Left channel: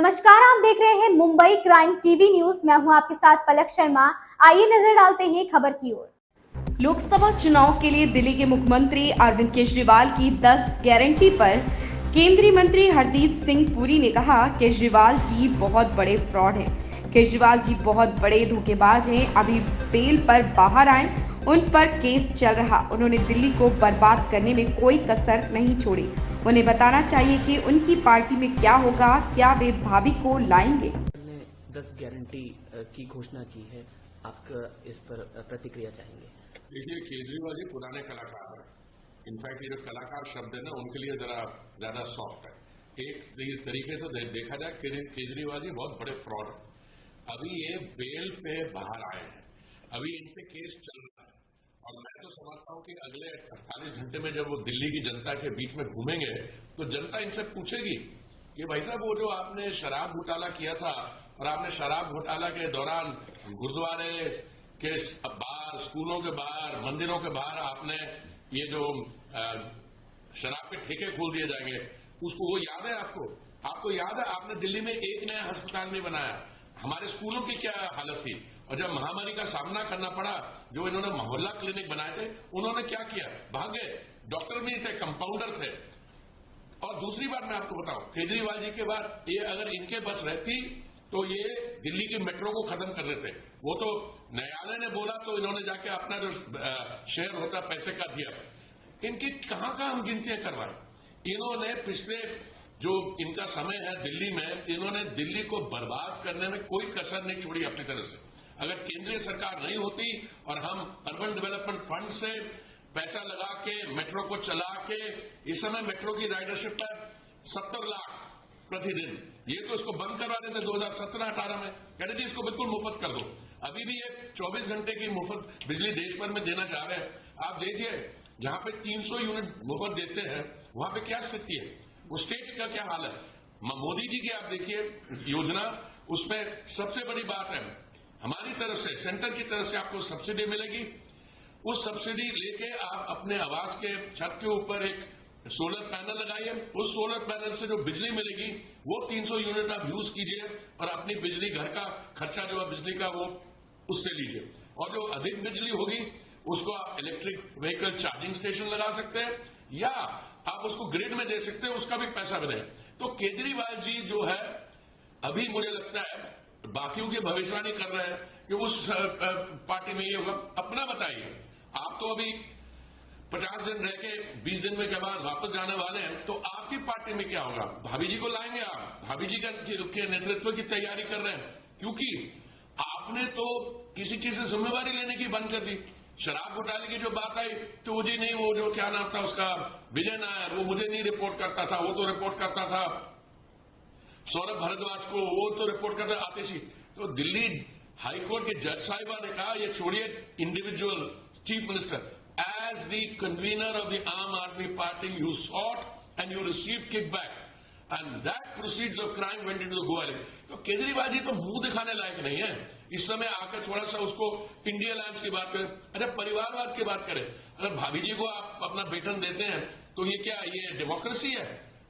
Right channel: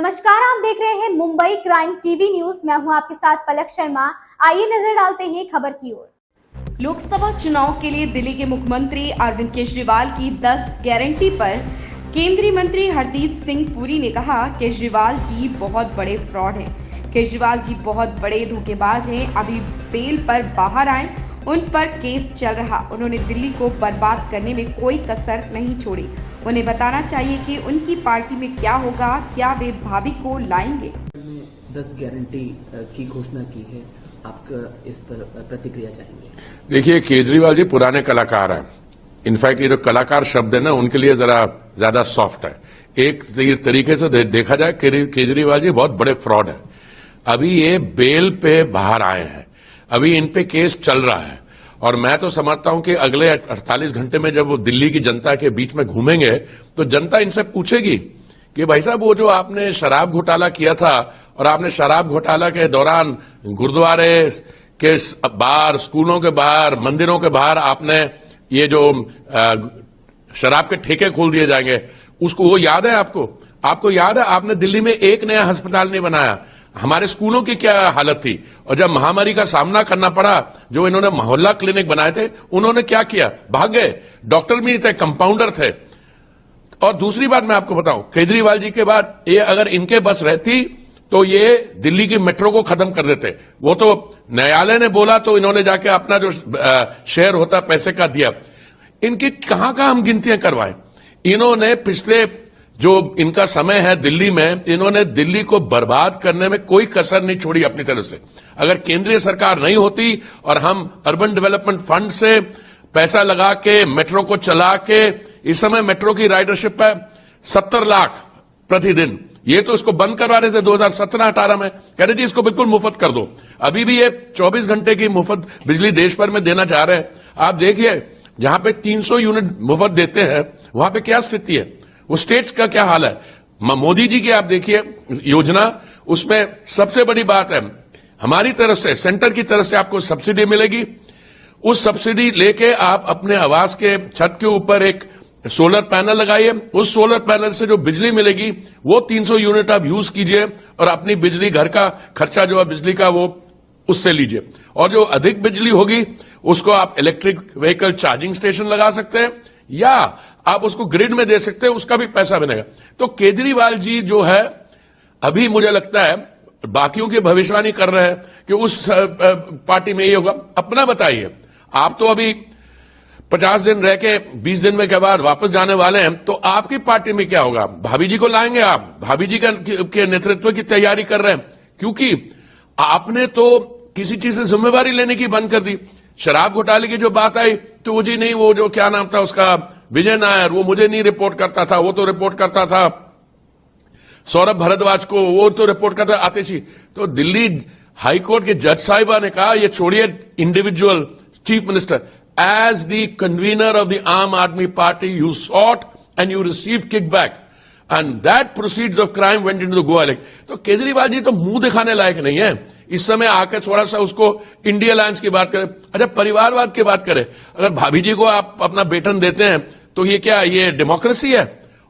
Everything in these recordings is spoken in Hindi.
नमस्कार, आप देख रहे हैं मुंबई क्राइम टीवी न्यूज। मैं हूं आपके साथ पलक शर्मा। आइए नजर डालते हैं खबर की ओर। लोकसभा चुनाव के लिए दिल्ली के मुख्यमंत्री अरविंद केजरीवाल की 10 गारंटी पर केंद्रीय मंत्री हरदीप सिंह पुरी ने कहा, केजरीवाल जी बहुत बड़े फ्रॉड हैं। केजरीवाल जी बहुत बड़े धोखेबाज हैं। अभी बेल पर बाहर आए, उन पर केस चल रहा। उन्होंने दिल्ली को बर्बाद करने में कोई कसर नहीं छोड़ी। उन्हें बताना चाहिए कि उनकी पार्टी में क्या होगा, क्या वे भाभी को लाएंगे। 10 गारंटी की घोषणा की है, आपका इस पर प्रतिक्रिया चाहेंगे? देखिए, केजरीवाल जी पुराने कलाकार हैं। इनफैक्ट ये जो कलाकार शब्द है ना, उनके लिए जरा ज्यादा सॉफ्ट है। एक तरीके से देखा जाए, केजरीवाल जी बहुत बड़े फ्रॉड हैं। अभी ये बेल पे बाहर आए हैं, अभी इन पे केस चल रहा है और मैं तो समझता हूं कि अगले 48 घंटे में जब वो दिल्ली की जनता के बीच में घूमेंगे तो जनता इनसे पूछेगी कि भाई साहब, वो जो आपने शराब घोटाला किया था और आपने शराब घोटाला के दौरान गुरुद्वारे के बाहर, स्कूलों के बाहर, मंदिरों के बाहर आपने ये जो शराब के ठेके खोल दिए जाएंगे, उसको वो याद है आपको? आपको याद है आपने दिल्ली में एक नया अस्पताल नहीं बनाया? हमारे स्कूलों की क्या हालत थी? और जब महामारी का सामना करना पड़ा, जो इन्होंने मोहल्ला क्लिनिक बनाए थे, उन्होंने क्या किया? भाग गए। डॉक्टर भी नहीं थे, कंपाउंडर थे। और दूसरी बात मैं आपको बताऊं, केजरीवाल जी के बाद ये अगर इनके बस रहती तो ये दिल्ली की मेट्रो को खत्म कर देते। वो तो न्यायालय ने बोला तो इन्होंने जाके अपना जो शेयर होता पैसे का दिया। इनकी कहां हम गिनतियां करवाएं? इन्होंने पिछले जो इनका समय है दिल्ली में, इन्होंने दिल्ली को बर्बाद करने में कोई कसर नहीं छोड़ी अपनी तरफ से। अगर केंद्रीय सरकार नहीं होती और हम अर्बन डेवलपमेंट फंड से पैसा लगा के मेट्रो को चला के, इस समय मेट्रो की राइडरशिप है 70 लाख प्रतिदिन। ये तो इसको बंद करवा रहे थे 2017-18 में, कह रहे जी इसको बिल्कुल मुफ्त कर दो। अभी भी ये 24 घंटे की मुफ्त बिजली देश भर में देना चाह रहे हैं। आप देखिए, जहां पे 300 यूनिट मुफ्त देते हैं वहां पे क्या स्थिति है, वो स्टेट्स का क्या हाल है। मोदी जी की आप देखिए योजना, उसमें सबसे बड़ी बात है हमारी तरफ से, सेंटर की तरफ से आपको सब्सिडी मिलेगी। उस सब्सिडी लेके आप अपने आवास के छत के ऊपर एक सोलर पैनल लगाइए। उस सोलर पैनल से जो बिजली मिलेगी वो 300 यूनिट आप यूज कीजिए और अपनी बिजली, घर का खर्चा जो है बिजली का, वो उससे लीजिए। और जो अधिक बिजली होगी उसको आप इलेक्ट्रिक व्हीकल चार्जिंग स्टेशन लगा सकते हैं या आप उसको ग्रिड में दे सकते हैं, उसका भी पैसा बनेगा। तो केजरीवाल जी जो है, अभी मुझे लगता है बाकियों की भविष्यवाणी कर रहे हैं कि उस पार्टी में ये होगा। अपना बताइए, आप तो अभी 50 दिन रह के 20 दिन में के बाद वापस जाने वाले हैं, तो आपकी पार्टी में क्या होगा? भाभी जी को लाएंगे आप? भाभी जी के नेतृत्व की तैयारी कर रहे हैं, क्योंकि आपने तो किसी चीज से जिम्मेवारी लेने की बंद कर दी। शराब घोटाले की जो बात आई तो वो जी नहीं, वो जो क्या नाम था उसका, विजय नायर, वो मुझे नहीं रिपोर्ट करता था, वो तो रिपोर्ट करता था सौरभ भारद्वाज को, वो तो रिपोर्ट करता आतिशी। तो दिल्ली हाईकोर्ट के जज साहिबा ने कहा, ये छोड़िए individual chief minister, as the convener of the Aam Aadmi Party, you sought and you received kickback, and that proceeds of crime went into the Goa Lake. तो केजरीवाल जी तो मुंह दिखाने लायक नहीं है इस समय। आके थोड़ा सा उसको इंडिया अलायंस की बात करें, अच्छा परिवारवाद की बात करें। अगर भाभी जी को आप अपना वेतन देते हैं तो ये क्या, ये डेमोक्रेसी है?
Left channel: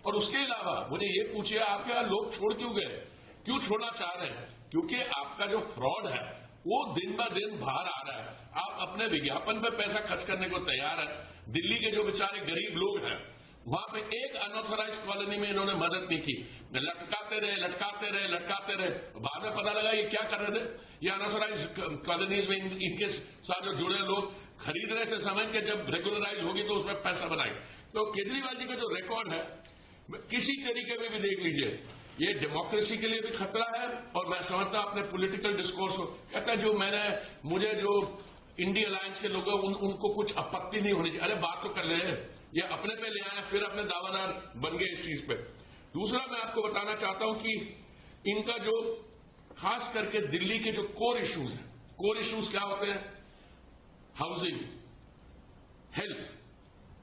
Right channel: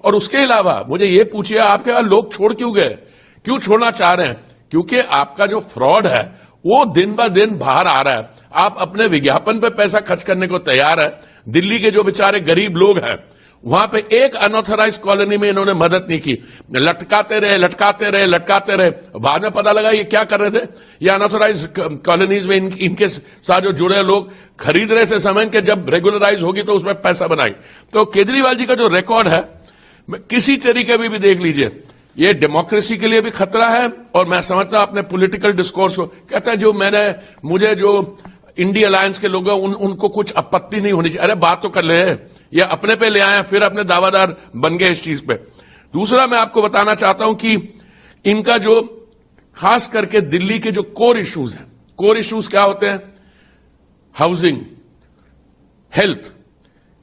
और उसके अलावा मुझे ये पूछिए, आपके यहाँ लोग छोड़ क्यों गए, क्यों छोड़ना चाह रहे हैं? क्योंकि आपका जो फ्रॉड है वो दिन ब दिन बाहर आ रहा है। आप अपने विज्ञापन पे पैसा खर्च करने को तैयार है। दिल्ली के जो बेचारे गरीब लोग हैं, वहां पे एक अनऑथराइज कॉलोनी में इन्होंने मदद नहीं की। लटकाते रहे। बाद में पता लगा ये क्या कर रहे थे, ये अनऑथराइज कॉलोनीज में इनके साथ जो जुड़े लोग खरीद रहे थे सामान के, जब रेगुलराइज होगी तो उसमें पैसा बनाई। तो केजरीवाल जी का जो रिकॉर्ड है, किसी तरीके में भी देख लीजिए, ये डेमोक्रेसी के लिए भी खतरा है। और मैं समझता हूं अपने पॉलिटिकल डिस्कोर्स को, कहता है जो मुझे जो इंडिया अलायंस के लोग हैं उनको कुछ आपत्ति नहीं होनी चाहिए। अरे बात तो कर ले, ये अपने पे ले आए फिर अपने दावादार बन गए इस चीज पे। दूसरा मैं आपको बताना चाहता हूं कि इनका जो खास करके दिल्ली के जो कोर इश्यूज हैं, कोर इश्यूज क्या होते हैं? Housing, health.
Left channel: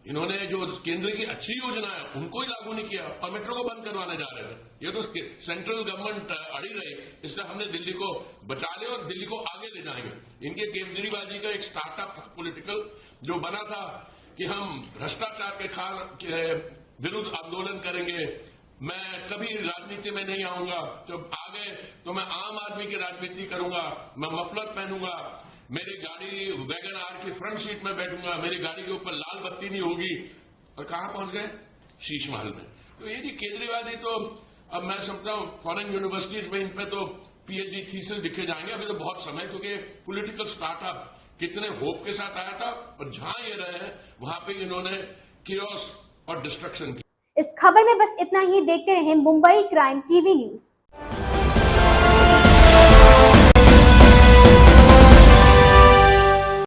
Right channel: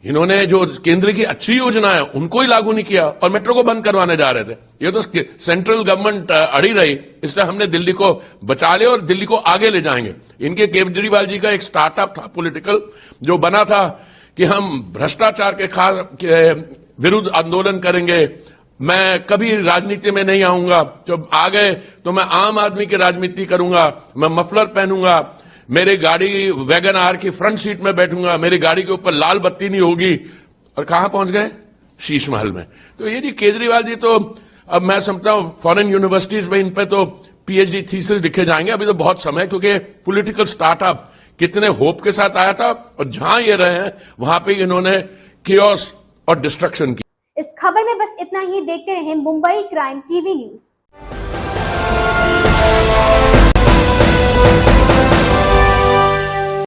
इन्होंने जो केंद्र की अच्छी योजना है उनको ही लागू नहीं किया और मेट्रो को बंद करवाने जा रहे थे। ये तो सेंट्रल गवर्नमेंट अड़ी रही, इसलिए हमने दिल्ली को बचा लिया और दिल्ली को आगे ले जाएंगे। इनके केजरीवाल जी का एक स्टार्टअप था पॉलिटिकल, जो बना था कि हम भ्रष्टाचार के विरुद्ध आंदोलन करेंगे, मैं कभी राजनीति में नहीं आऊंगा, जब आ गए तो मैं आम आदमी की राजनीति करूंगा, मैं मफलर पहनूंगा, मेरी गाड़ी वैगन आर की फ्रंट सीट में बैठूंगा, मेरी गाड़ी के ऊपर लाल बत्ती नहीं होगी। और कहां पहुंच गए? शीश महल में। तो ये जी केजरीवाल जी तो अब मैं समझता हूं फॉरेन यूनिवर्सिटीज में इन पे तो पीएचडी थीसिस लिखे जाएंगे। अभी तो बहुत समय, क्योंकि पॉलिटिकल स्टार्टअप कितने होप के साथ आया था और जहां ये रहे हैं वहां पे इन्होंने कियोस और डिस्ट्रक्शन की। इस खबर में बस इतना ही। देखते रहें मुंबई क्राइम टीवी न्यूज।